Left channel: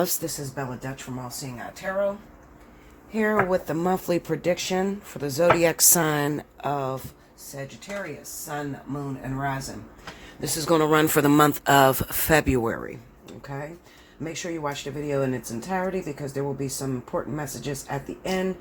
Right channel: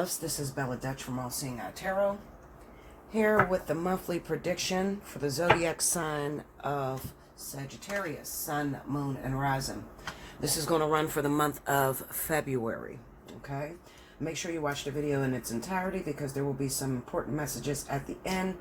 This is Bella Dutch from Allseeingeyetarot, here with the monthly prediction for the zodiac sign of Sagittarius, Sun, Moon, and Rising. This is going to run for the month of February, okay? Make sure you watch the video in its entirety because there will be some important messages at the end,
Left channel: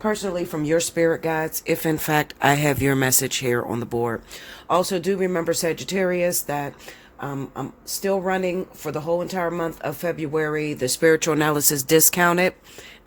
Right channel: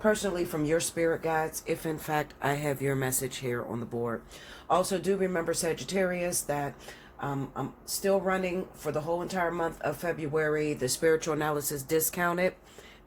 personally from your spirit guides, if in fact I have your message here on the board. Also, do remember, Sagittarius, that I'm still running for the whole entire month of February the spiritual analysis discounted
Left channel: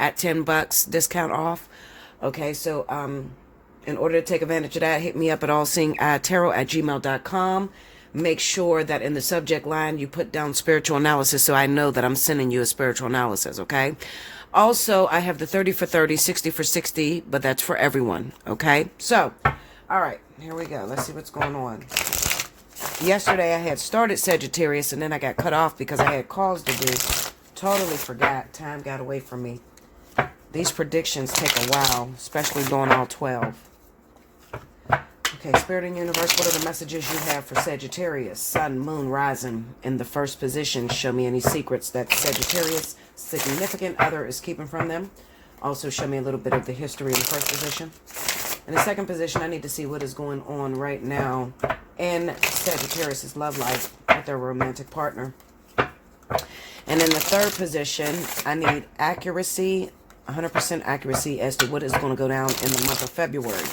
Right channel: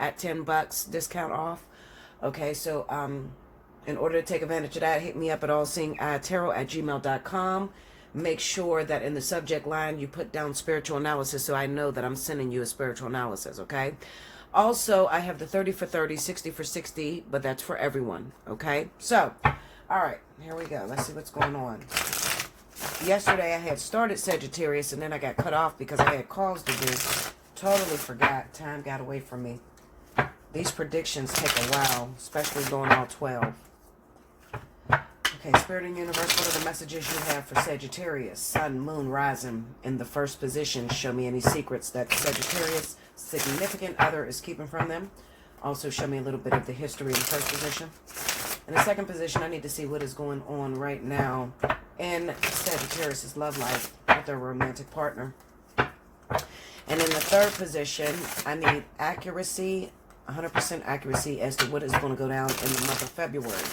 at $10 discount off. Okay, so in order to take advantage of that, hit me up at allseeingeyetarot@gmail.com. Make sure that in the subject line you put down spiritual analysis so I know that I'm sending you a spiritual analysis, okay? Also, I have the 30 for 30, 60 for 60, but that's for everyone, okay? So, all right, here we go. Let's see what's going on. Yesterday I had started Sagittarius and then I got cut off because I had calls to do. Totally forgot. Time got away from me. These predictions take a while, especially going all 12. Okay, Spirit and Universe, what are the messages you have for Sagittarius? Sun, Moon, Rising in the first position. Show me any secrets that Sagittarius' significant other is keeping from them. Also, show me a little bit of the history in the first position. In the second position, I need to see what is going on right now in Sagittarius' love life with their romantic partner. And in the third position, I need accuracy, 100% accuracy as to what is going to go down in the month of February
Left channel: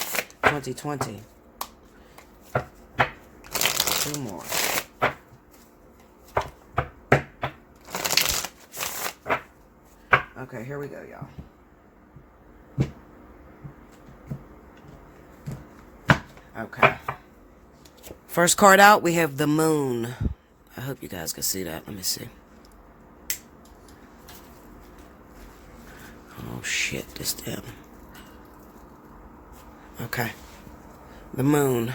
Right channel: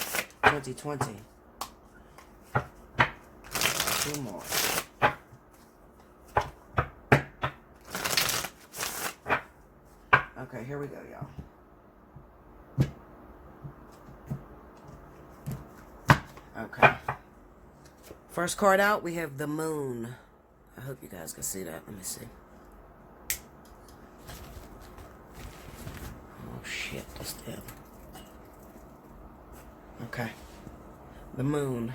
2020. Two more. Okay, here we go, y'all. Okay. First card out, we have the Moon. I hope you guys can see that. Let me see. Oh, shit. That's them. Okay. The Moon.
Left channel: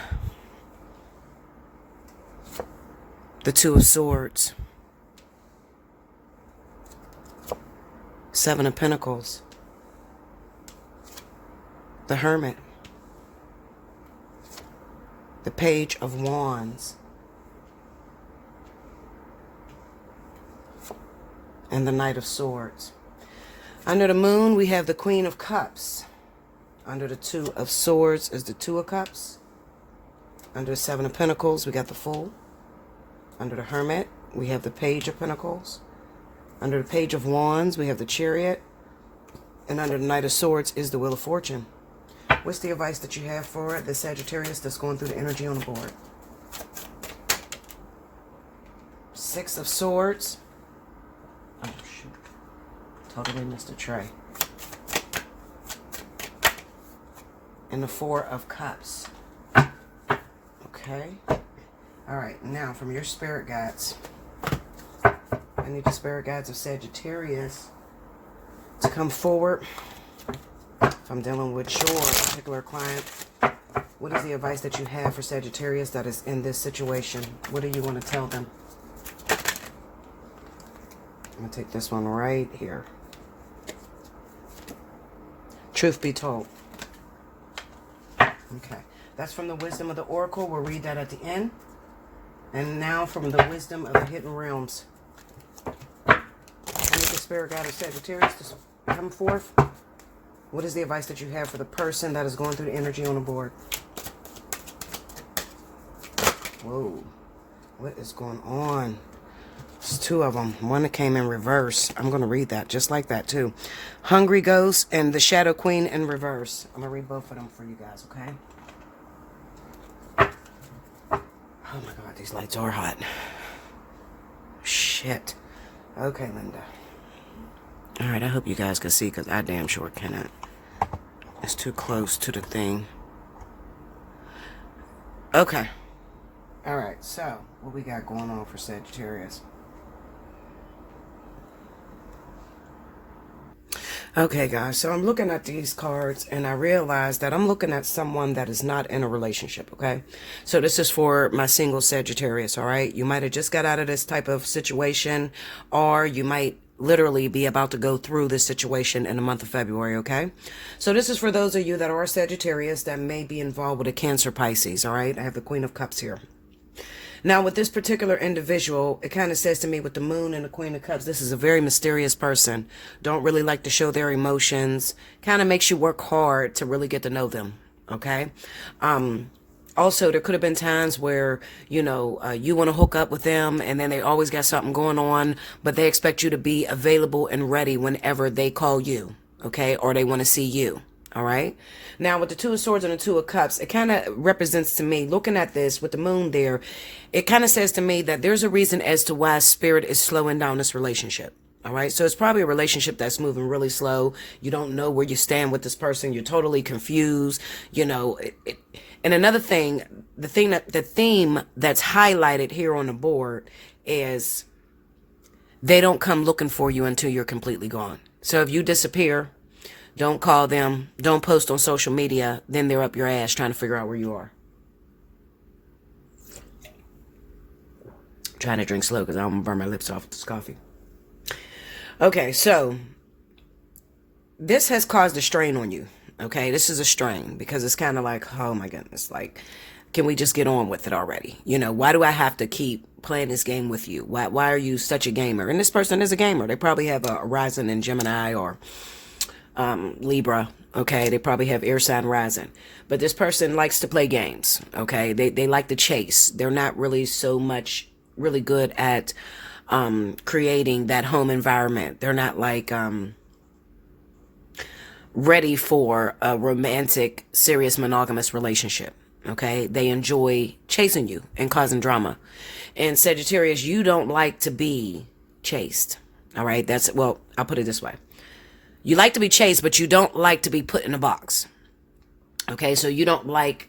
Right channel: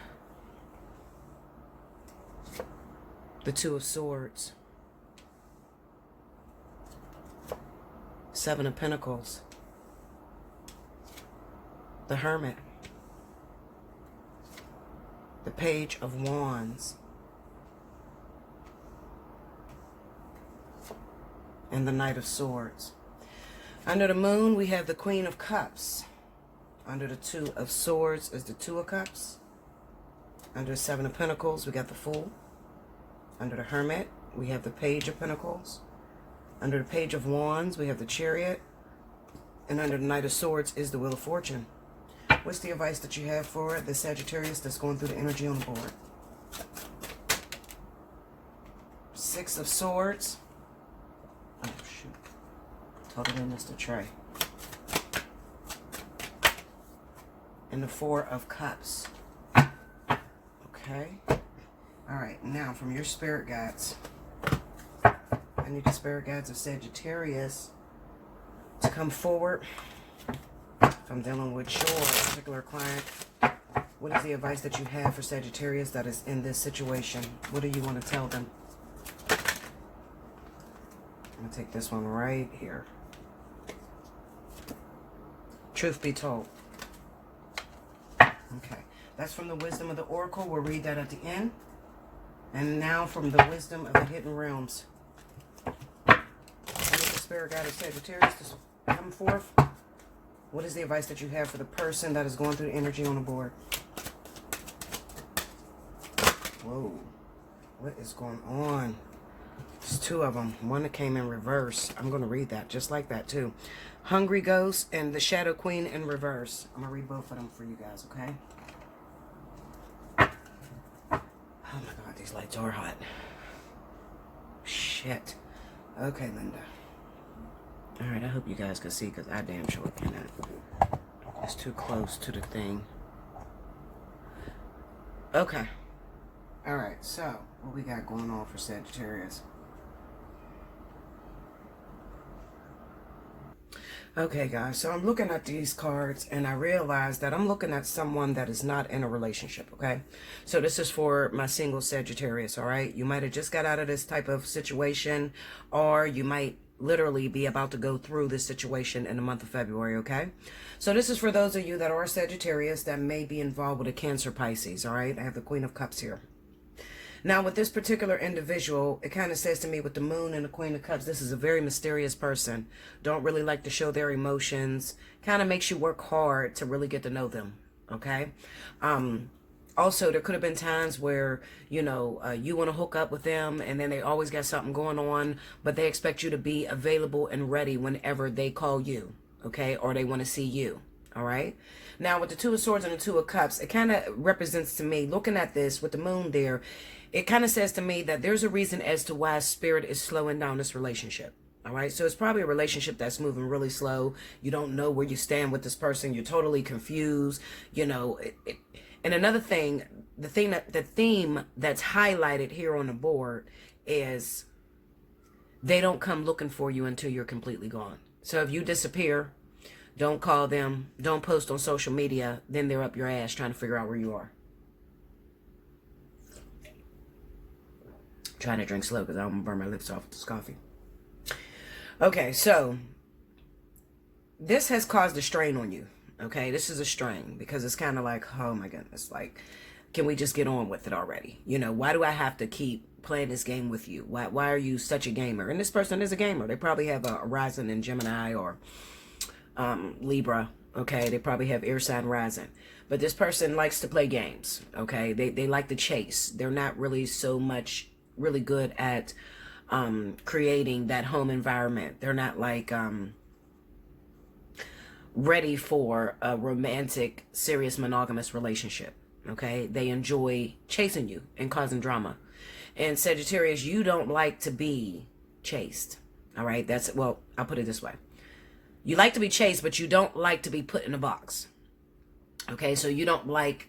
The Two of Swords. Seven of Pentacles. The Hermit. The Page of Wands. And the Knight of Swords. Under the Moon, we have the Queen of Cups. Under the Two of Swords is the Two of Cups. Under the Seven of Pentacles, we got the Fool. Under the Hermit, we have the Page of Pentacles. Under the Page of Wands, we have the Chariot. And under the Knight of Swords is the Wheel of Fortune. What's the advice that you have for the Sagittarius that's going through the energy on the board? Six of Swords. Oh, shoot. Totally missed a tray. And the Four of Cups. Okay. All right. Now, from your spirit guides, I need the spirit guides of Sagittarius to come forward. If I'm dealing with your particular client, what is the advice that you have for Sagittarius that is in this situation? What do you want to tell them? I'm going to take this one right here. Truth be told. Okay. That's from the Wisdom of the Oracle. We'll read that at the end. And now from the Wisdom of the Hidden Realms. I need the spirit guide of Sagittarius to come forth. What is the advice that you have for the person that is going through the energy on the board? Whoa. What is going on? There's two of them. One that came in reverse. I'm going to read that just like that too. Hungry Ghost and the Shadow Queen in reverse. I'm going to read both of them for you guys, okay? Oh my God, these lights are hot. Shit. Okay, Linda. Alright, I hope you guys can see because I damn sure cannot. It's too close to the thing. Okay. Alright, so what we got going on for Sagittarius? Okay, guys, so I'm looking at these cards and I realize that I'm looking at someone that is not in a relationship, okay? So this is for my single Sagittarius, all right? You might have just got out of this type of situation, or you might literally be about to go through this situation in the month of February, okay? So this is for those of you that are Sagittarius that may be involved with a Cancer Pisces, all right? I have the Queen of Cups here. Now, with this particular individual, it kind of says to me with the moon and the Queen of Cups, this is a very mysterious person. Don't really like to show their emotions. Kind of makes you work hard to really get to know them. Okay. Also, there could have been times where, you want to hook up with them and then they always got something going on, but they expect you to be available and ready whenever they call you. Okay. Or they want to see you. All right. Now, with the Two of Swords and the Two of Cups, it kind of represents to me, looking at this with the moon there, it kind of says to me that there's a reason as to why Spirit is slowing down this relationship. All right. So it's probably a relationship that's moving really slow. You don't know where you stand with this person. You're totally confused. And another thing, the theme that's highlighted here on the board is they don't come looking for you until you're completely gone. So if you disappear, don't call them, don't post on social media, then they're up your ass trying to figure out where you are. I'm trying to drink slow because I don't want to burn my lips off with this coffee. Okay, so this has caused a strain on you. Okay, this is a strain because it's kind of like, oh my goodness, like, can we just get on with it already? Why do I have to keep playing this game with you? Why are you such a gamer? And this person is a gamer. They probably have a rising in Gemini or Libra. Okay, they probably have air sign rising, but this person likes to play games. Okay, they like to chase. They're not really so much really good at creating that home environment. They're not like ready for a romantic, serious, monogamous relationship. Okay, they enjoy chasing you and causing drama. And Sagittarius, you don't like to be chased. All right, I'll put it this way. You like to be chased, but you don't like to be put in a box. Okay, so you don't like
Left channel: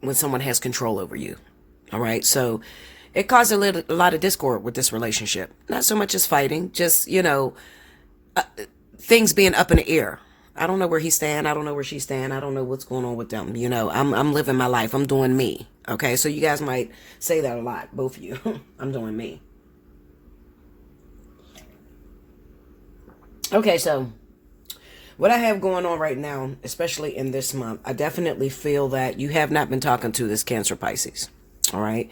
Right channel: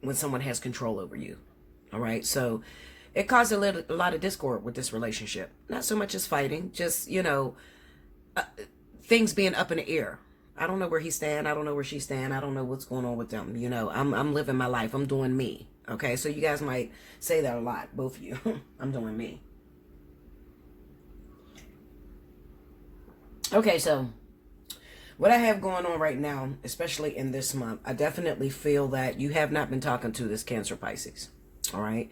when someone has control over you. All right, so it caused a lot of discord with this relationship. Not so much as fighting, just, things being up in the air. I don't know where he's staying. I don't know where she's staying. I don't know what's going on with them. I'm living my life. I'm doing me. Okay, so you guys might say that a lot, both of you. I'm doing me. Okay, so what I have going on right now, especially in this month, I definitely feel that you have not been talking to this Cancer Pisces. All right.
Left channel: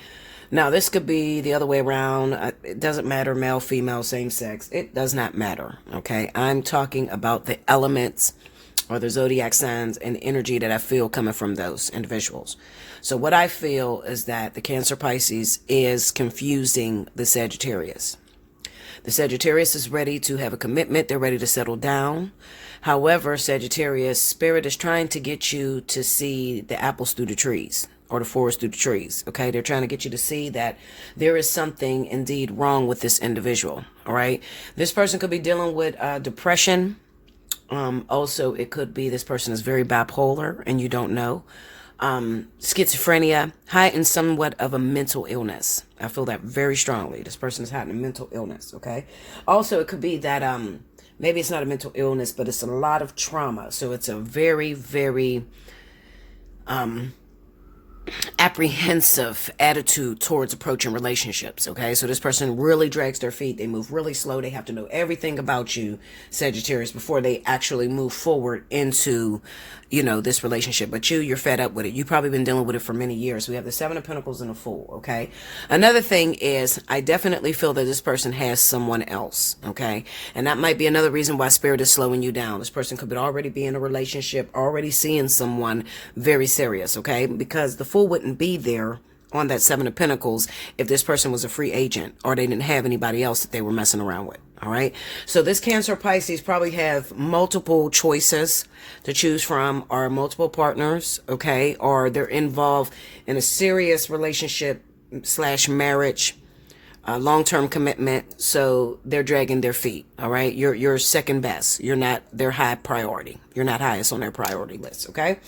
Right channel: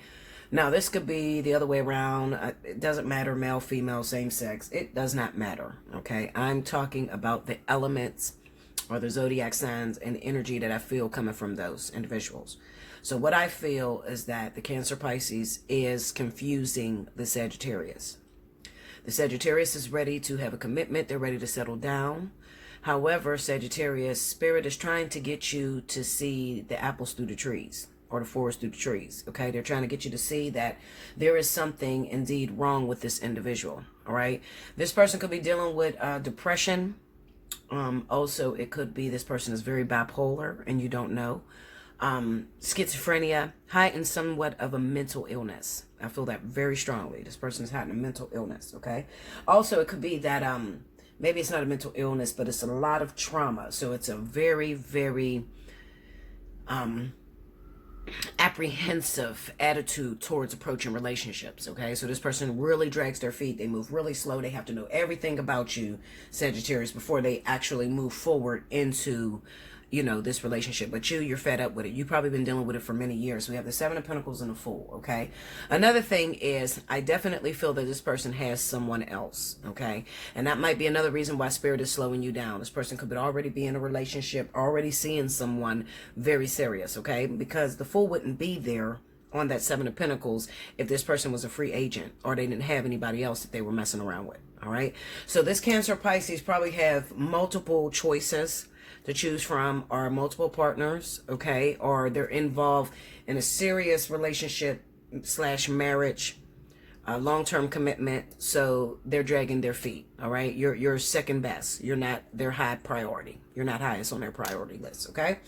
Now, this could be the other way around. It doesn't matter, male, female, same sex. It does not matter. Okay. I'm talking about the elements or the zodiac signs and energy that I feel coming from those individuals. So what I feel is that the Cancer Pisces is confusing the Sagittarius. The Sagittarius is ready to have a commitment. They're ready to settle down. However, Sagittarius, Spirit is trying to get you to see the apples through the trees, or the forest through the trees. Okay, they're trying to get you to see that there is something indeed wrong with this individual. All right, this person could be dealing with depression. Also, it could be this person is very bipolar and you don't know. Schizophrenia, heightened somewhat of a mental illness. I feel that very strongly. This person is heightened mental illness. Okay, also it could be that maybe it's not a mental illness, but it's a lot of trauma. So it's a very, very apprehensive attitude towards approaching relationships. Okay, so this person really drags their feet. They move really slow. They have to know everything about you, Sagittarius, before they actually move forward into this relationship. But you're fed up with it. You've probably been dealing with it for many years. We have the Seven of Pentacles and a Fool. Okay, another thing is I definitely feel that this person has someone else. Okay, and that might be another reason why Spirit is slowing you down. This person could already be in a relationship, already seeing someone very serious. Okay, because the Fool wouldn't be there on that Seven of Pentacles if this person was a free agent or they didn't have anybody else that they were messing around with. All right, so this Cancer Pisces probably have multiple choices to choose from, or multiple partners. Okay, or they're involved in a serious relationship / marriage, long-term commitment. So they're dragging their feet. All right, you're second best. You're not their high priority. You're not highest on their priority list. Okay.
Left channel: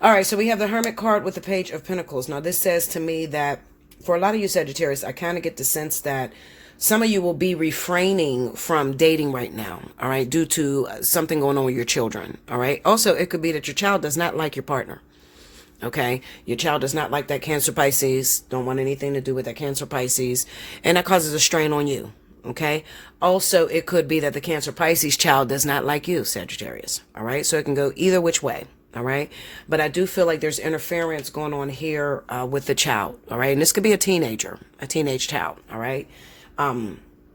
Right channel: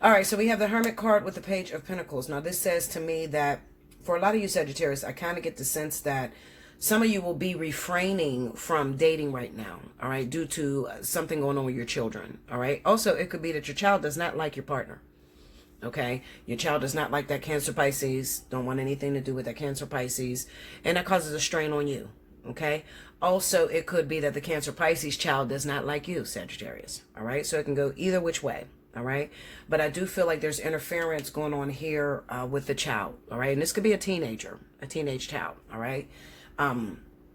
All right, so we have the Hermit card with the Page of Pentacles. Now, this says to me that for a lot of you Sagittarius, I kind of get the sense that some of you will be refraining from dating right now, all right, due to something going on with your children, all right? Also, it could be that your child does not like your partner, okay? Your child does not like that Cancer Pisces, don't want anything to do with that Cancer Pisces, and that causes a strain on you, okay? Also, it could be that the Cancer Pisces child does not like you, Sagittarius, all right? So it can go either which way. All right. But I do feel like there's interference going on here with the child. All right. And this could be a teenager, a teenage child. All right.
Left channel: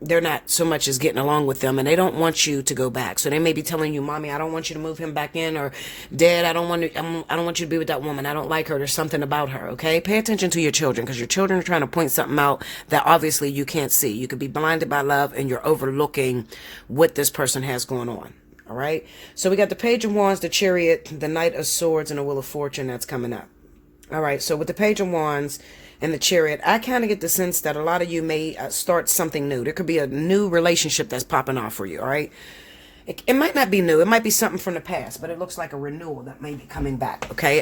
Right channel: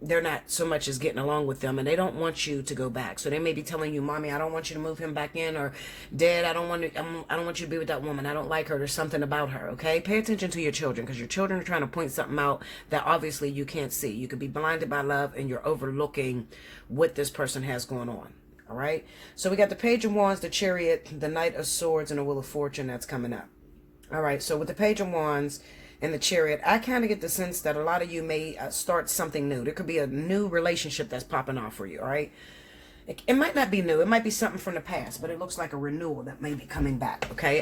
They're not so much as getting along with them, and they don't want you to go back. So they may be telling you, Mommy, I don't want you to move him back in, or Dad, I don't want you to be with that woman. I don't like her. There's something about her. Okay. Pay attention to your children, because your children are trying to point something out that obviously you can't see. You could be blinded by love, and you're overlooking what this person has going on. All right. So we got the Page of Wands, the Chariot, the Knight of Swords, and the Wheel of Fortune that's coming up. All right. So with the Page of Wands and the Chariot, I kind of get the sense that a lot of you may start something new. There could be a new relationship that's popping off for you. All right. It might not be new. It might be something from the past, but it looks like a renewal that may be coming back. Okay.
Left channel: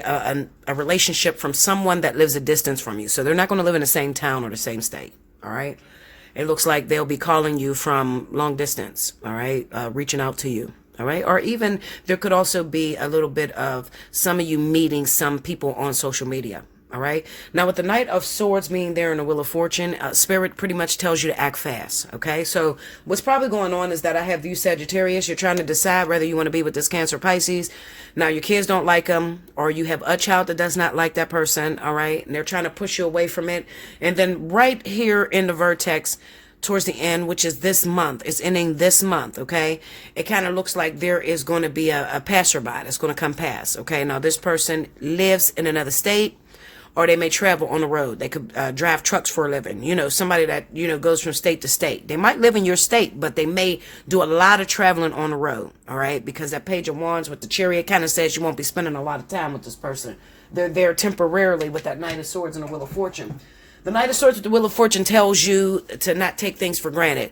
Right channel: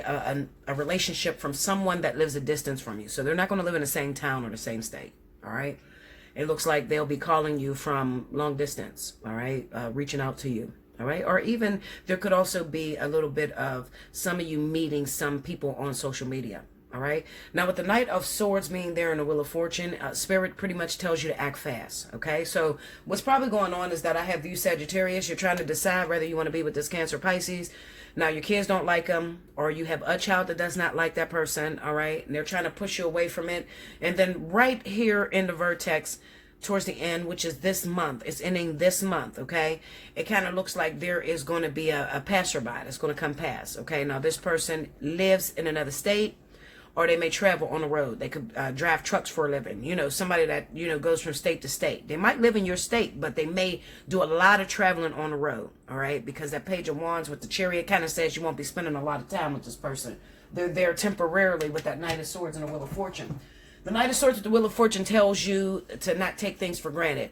A relationship from someone that lives a distance from you. So they're not going to live in the same town or the same state. All right. It looks like they'll be calling you from long distance. All right. Reaching out to you. All right. Or even there could also be a little bit of some of you meeting some people on social media. All right. Now, with the Knight of Swords being there in the Wheel of Fortune, Spirit pretty much tells you to act fast. Okay. So what's probably going on is that I have you, Sagittarius. You're trying to decide whether you want to be with this Cancer, Pisces. Now, your kids don't like them, or you have a child that does not like that person. All right. And they're trying to push you away from it. And then right here in the vertex, towards the end, which is this month, it's ending this month. Okay. It kind of looks like there is going to be a passerby that's going to come past. Okay. Now, this person lives in another state, or they may travel on the road. They could drive trucks for a living. You know, somebody that, you know, goes from state to state. They might live in your state, but they may do a lot of traveling on the road. All right. Because that Page of Wands with the Chariot kind of says you won't be spending a lot of time with this person. They're there temporarily with that Knight of Swords and the Wheel of Fortune. The Knight of Swords with the Wheel of Fortune tells you to not take things for granted.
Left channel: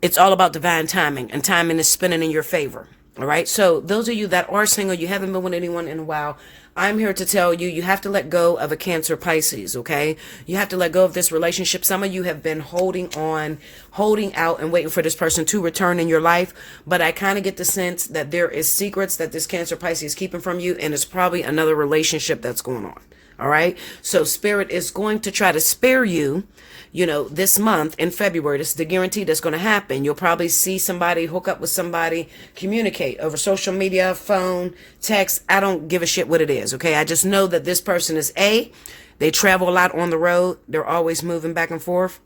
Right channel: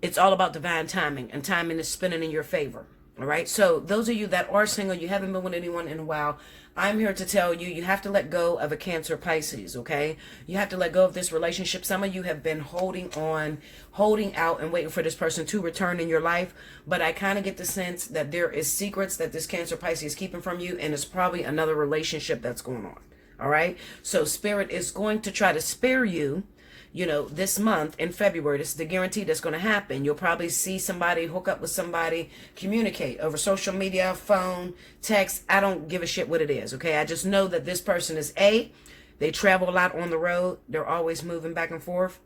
It's all about divine timing, and timing is spinning in your favor. All right. So those of you that are single, you haven't been with anyone in a while, I'm here to tell you, you have to let go of a Cancer, Pisces. Okay. You have to let go of this relationship. Some of you have been holding on, holding out, and waiting for this person to return in your life. But I kind of get the sense that there is secrets that this Cancer, Pisces is keeping from you. And it's probably another relationship that's going on. All right. So Spirit is going to try to spare you, you know, this month in February. This is the guarantee that's going to happen. You'll probably see somebody, hook up with somebody, communicate over social media, phone, text. I don't give a shit what it is. Okay. I just know that this person is they travel a lot on the road. They're always moving back and forth.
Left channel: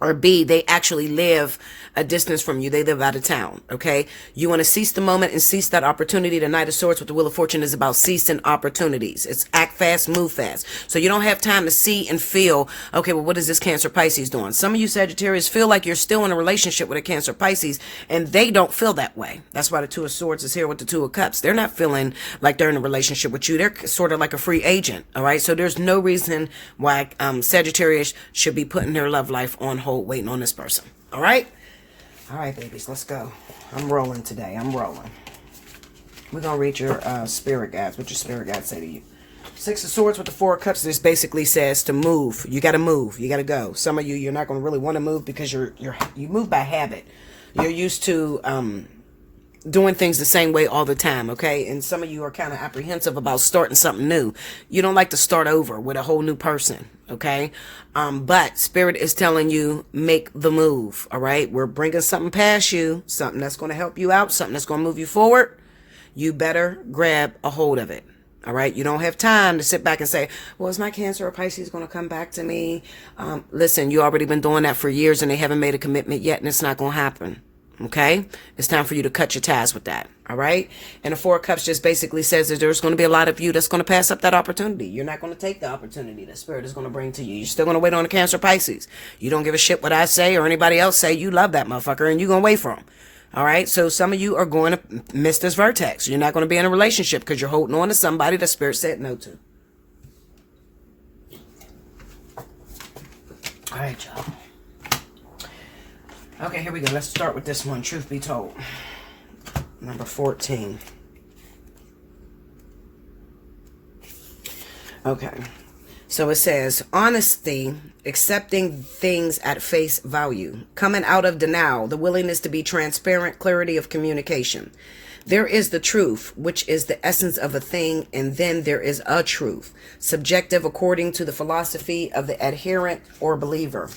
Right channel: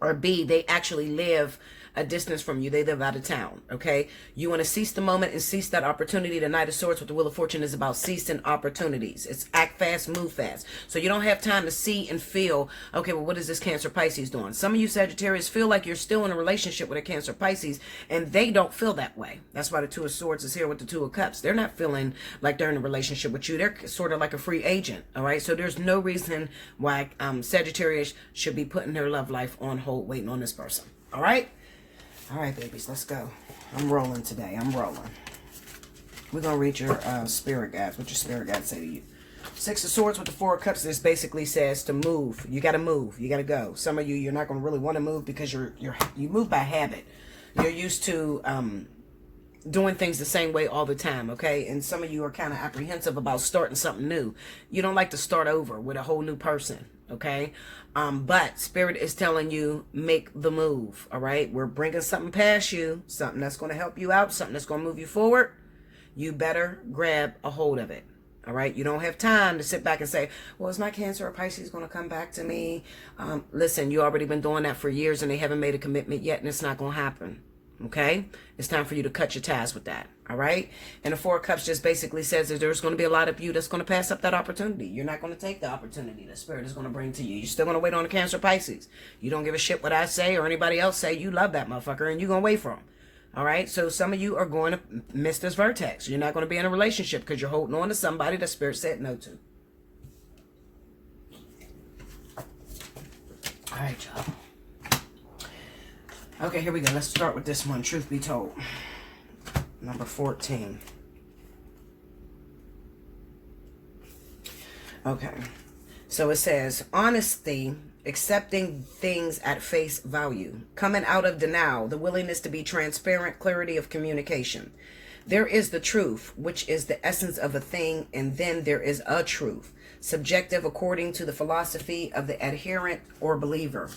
Or B, they actually live a distance from you. They live out of town. Okay. You want to seize the moment and seize that opportunity. The Knight of Swords with the Wheel of Fortune is about seizing opportunities. It's act fast, move fast. So you don't have time to see and feel, okay, well, what is this Cancer, Pisces doing? Some of you Sagittarius feel like you're still in a relationship with a Cancer, Pisces, and they don't feel that way. That's why the Two of Swords is here with the Two of Cups. They're not feeling like they're in a relationship with you. They're sort of like a free agent. All right. So there's no reason why Sagittarius should be putting their love life on hold, waiting on this person. All right. All right, babies, let's go. I'm rolling today. I'm rolling. We're going to read your spirit guides. What your spirit guides say to you. Six of Swords with the Four of Cups. This basically says to move. You got to move. You got to go. Some of you, you're not going to really want to move because you move by habit. You're used to doing things the same way all the time, okay? And some of you are kind of apprehensive about starting something new. You don't like to start over with a whole new person, okay? But Spirit is telling you, make the move, all right? We're bringing something past you, something that's going to help you out, something that's going to move you forward. You better grab a hold of it, all right? You don't have time to sit back and say, well, is my Cancer or Pisces going to come back to me? Listen, you already been doing that for years and they haven't made a commitment yet, and it's not going to happen. Okay, it's time for you to cut your ties with that. All right. And the Four of Cups just basically says that there's going to be a lot of you that's going to pass up that opportunity. You're not going to take the opportunity that Spirit is going to bring to you. You're still going to wait on the Cancer, Pisces. You don't give a shit what I say or anybody else say. You love that motherfucker and you're going to wait for him. All right. So some of you are going to miss this vertex. You're not going to be in a relationship because you're holding on to somebody that Spirit said no to. All right, y'all. Okay, here we go. Let's start with this one. Truth be told. Number 14. Okay. So it says, honesty, accepting things at face value, coming out of denial, the willingness to be transparent, clarity of communication. There is the truth, which is the essence of a thing, and then there is a truth, subjective according to the philosophy of the adherent or believer.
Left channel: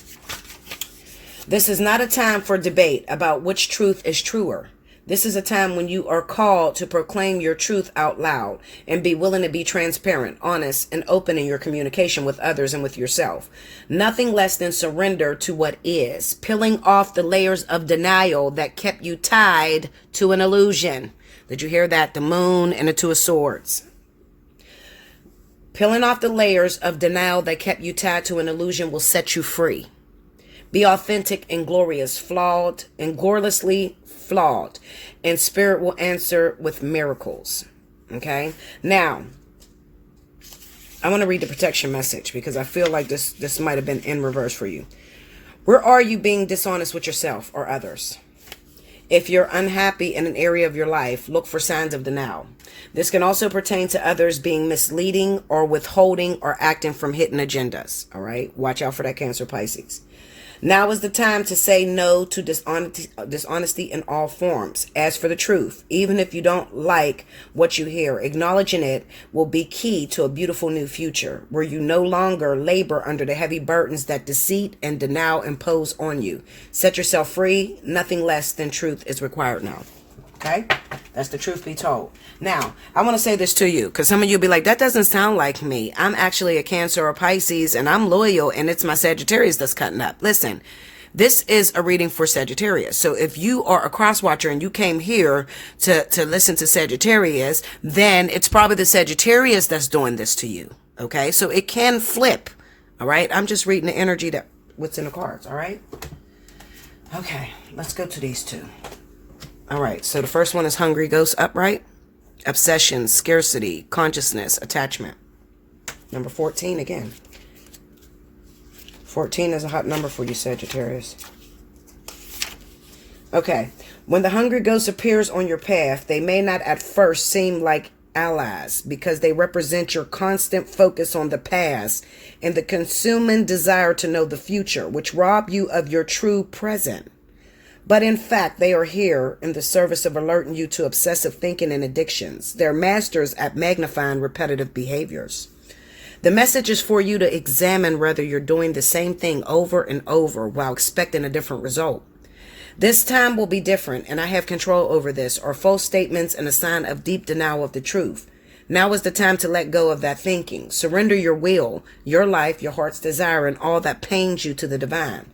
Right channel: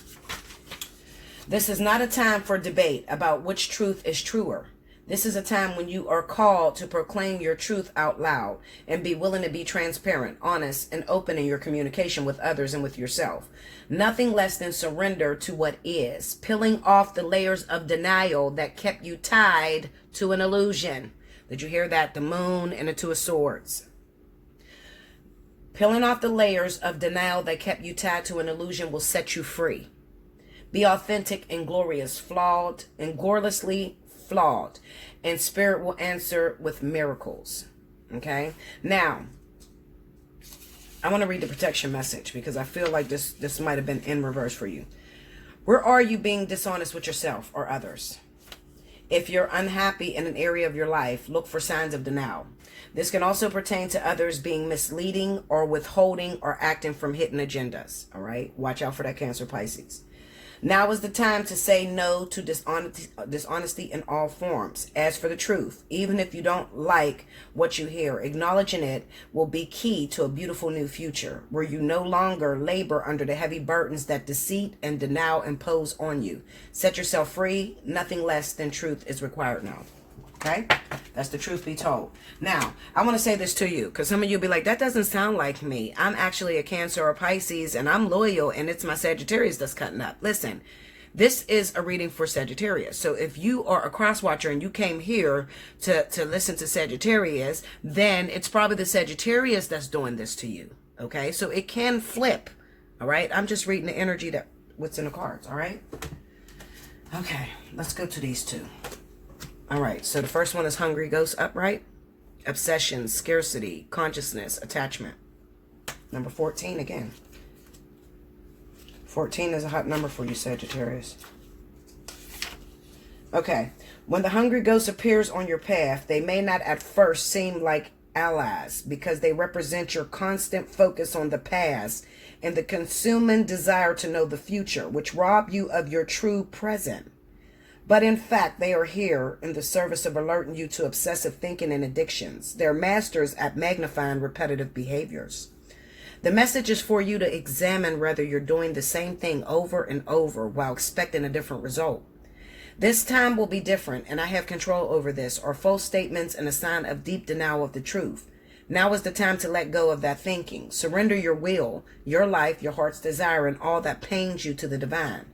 This is not a time for debate about which truth is truer. This is a time when you are called to proclaim your truth out loud and be willing to be transparent, honest, and open in your communication with others and with yourself. Nothing less than surrender to what is, peeling off the layers of denial that kept you tied to an illusion. Did you hear that? The moon and the two of swords. Peeling off the layers of denial that kept you tied to an illusion will set you free. Be authentic and glorious, flawed and gloriously flawed, and spirit will answer with miracles. Okay, now I want to read the protection message because I feel like this might have been in reverse for you. Where are you being dishonest with yourself or others? If you're unhappy in an area of your life, look for signs of denial. This can also pertain to others being misleading or withholding or acting from hidden agendas. All right, watch out for that, Cancer, Pisces. Now is the time to say no to dishonesty in all forms. As for the truth, even if you don't like what you hear, acknowledging it will be key to a beautiful new future where you no longer labor under the heavy burdens that deceit and denial impose on you. Set yourself free. Nothing less than truth is required now. Okay, that's the truth be told. Now, I want to say this to you because some of you will be like, that doesn't sound like me. I'm actually a Cancer or Pisces and I'm loyal and it's my Sagittarius that's cutting up. Listen, this is a reading for Sagittarius. So if you are a cross watcher and you came here to listen to Sagittarius, then it's probably the Sagittarius that's doing this to you. Okay, so it can flip. All right, I'm just reading the energy that what's in the cards. All right. Okay, let's go to these two. All right, so the first one is Hungry Ghost Upright, Obsession, Scarcity, Consciousness, Attachment. Number 14 again. 14 is a hot number for you, Sagittarius. Okay, when the Hungry Ghost appears on your path, they may not at first seem like allies because they represent your constant focus on the past and the consuming desire to know the future, which rob you of your true present. But in fact, they are here in the service of alerting you to obsessive thinking and addictions. They're masters at magnifying repetitive behaviors. The message is for you to examine whether you're doing the same thing over and over while expecting a different result. This time will be different, and I have control over this, or false statements and a sign of deep denial of the truth. Now is the time to let go of that thinking. Surrender your will, your life, your heart's desire, and all that pains you to the divine.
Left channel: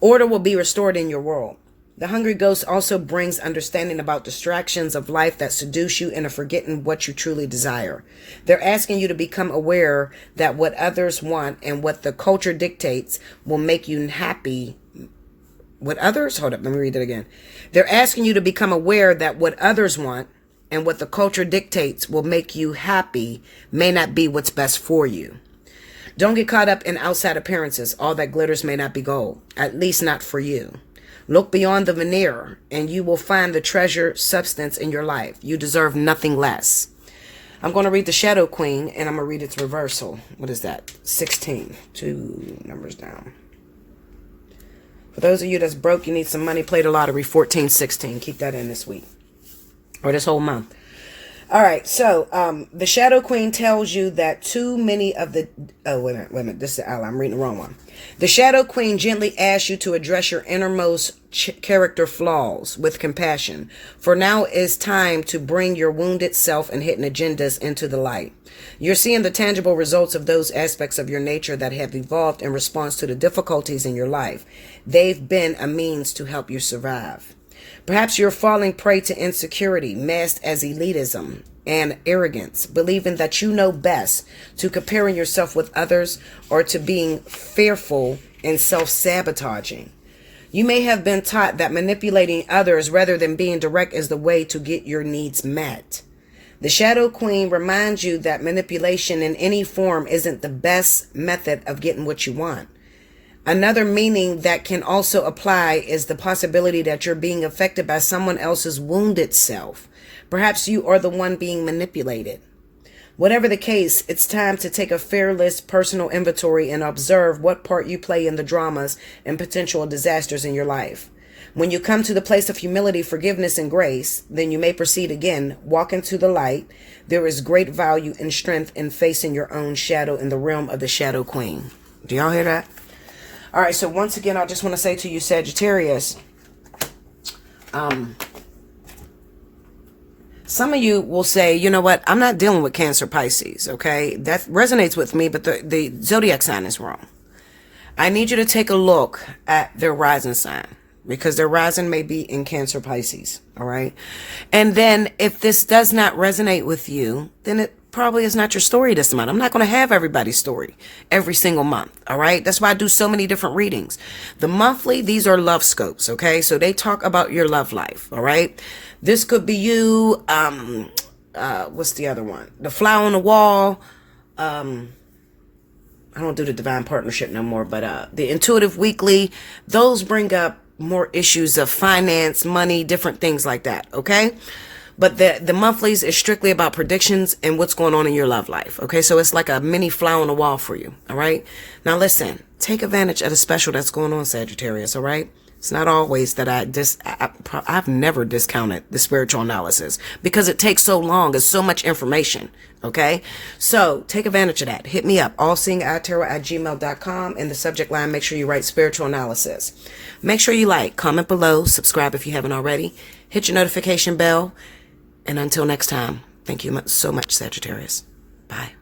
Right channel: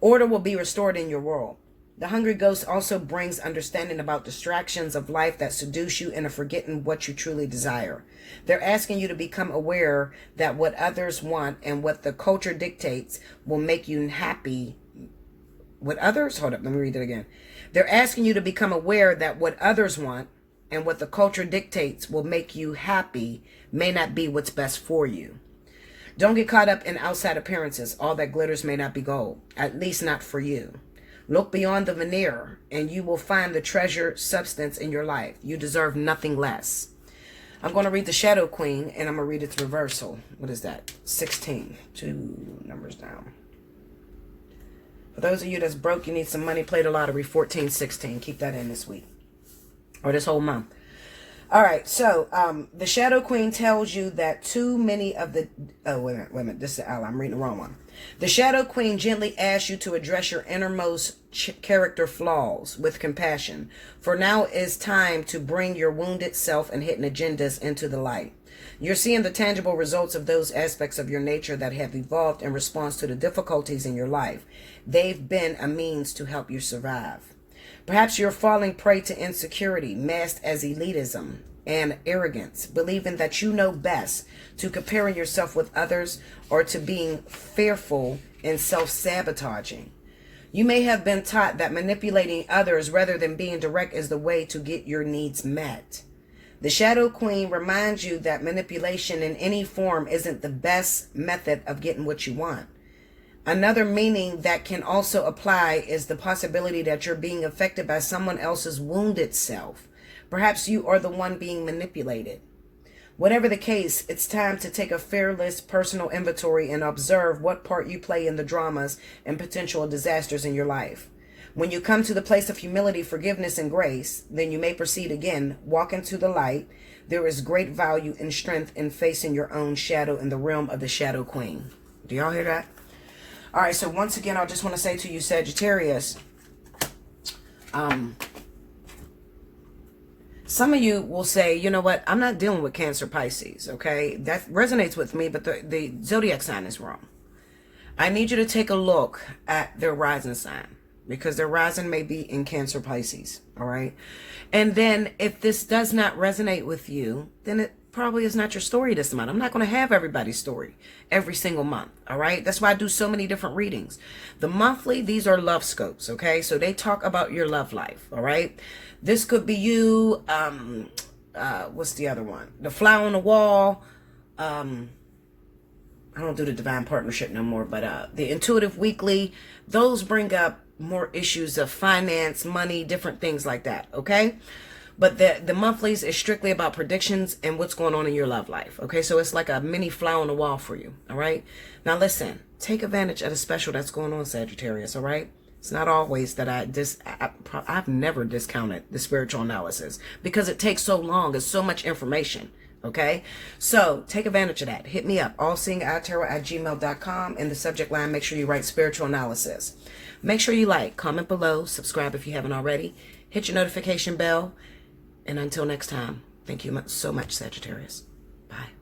Order will be restored in your world. The Hungry Ghost also brings understanding about distractions of life that seduce you into forgetting what you truly desire. They're asking you to become aware that what others want and what the culture dictates will make you happy. What others? Hold up, let me read it again. They're asking you to become aware that what others want and what the culture dictates will make you happy may not be what's best for you. Don't get caught up in outside appearances. All that glitters may not be gold, at least not for you. Look beyond the veneer and you will find the treasure substance in your life. You deserve nothing less. I'm going to read the Shadow Queen and I'm going to read its reversal. What is that? 16. 2 numbers down. For those of you that's broke, you need some money, play the lottery, 1416. Keep that in this week or this whole month. All right, so the Shadow Queen tells you that too many of the... Oh, wait a minute. This is the ally. I'm reading the wrong one. The Shadow Queen gently asks you to address your innermost character flaws with compassion. For now is time to bring your wounded self and hidden agendas into the light. You're seeing the tangible results of those aspects of your nature that have evolved in response to the difficulties in your life. They've been a means to help you survive. Perhaps you're falling prey to insecurity, masked as elitism and arrogance, believing that you know best, to comparing yourself with others, or to being fearful and self-sabotaging. You may have been taught that manipulating others rather than being direct is the way to get your needs met. The Shadow Queen reminds you that manipulation in any form isn't the best method of getting what you want. Another meaning that can also apply is the possibility that you're being affected by someone else's wounded self. Perhaps you are the one being manipulated. Whatever the case, it's time to take a fearless personal inventory and observe what part you play in the dramas and potential disasters in your life. When you come to the place of humility, forgiveness, and grace, then you may proceed again. Walk into the light. There is great value and strength in facing your own shadow in the realm of the Shadow Queen. Do y'all hear that? All right, so once again, I just want to say to you, Sagittarius, Some of you will say, you know what, I'm not dealing with Cancer, Pisces, okay? That resonates with me, but the zodiac sign is wrong. I need you to take a look at their rising sign, because their rising may be in Cancer, Pisces, all right? And then if this does not resonate with you, then it probably is not your story this month. I'm not going to have everybody's story every single month, all right? That's why I do so many different readings. The monthly, these are love scopes, okay? So they talk about your love life, all right? This could be you, what's the other one? The fly on the wall. I don't do the divine partnership no more, but the intuitive weekly, those bring up more issues of finance, money, different things like that, okay? But the monthlies is strictly about predictions and what's going on in your love life, okay? So it's like a mini fly on the wall for you, all right? Now listen, take advantage of the special that's going on, Sagittarius, all right? It's not always that I've never discounted the spiritual analysis because it takes so long. It's so much information. Okay. So take advantage of that. Hit me up. Allseeingeyetarot@gmail.com. In the subject line, make sure you write spiritual analysis. Make sure you like, comment below, subscribe if you haven't already. Hit your notification bell. And until next time, thank you so much, Sagittarius. Bye.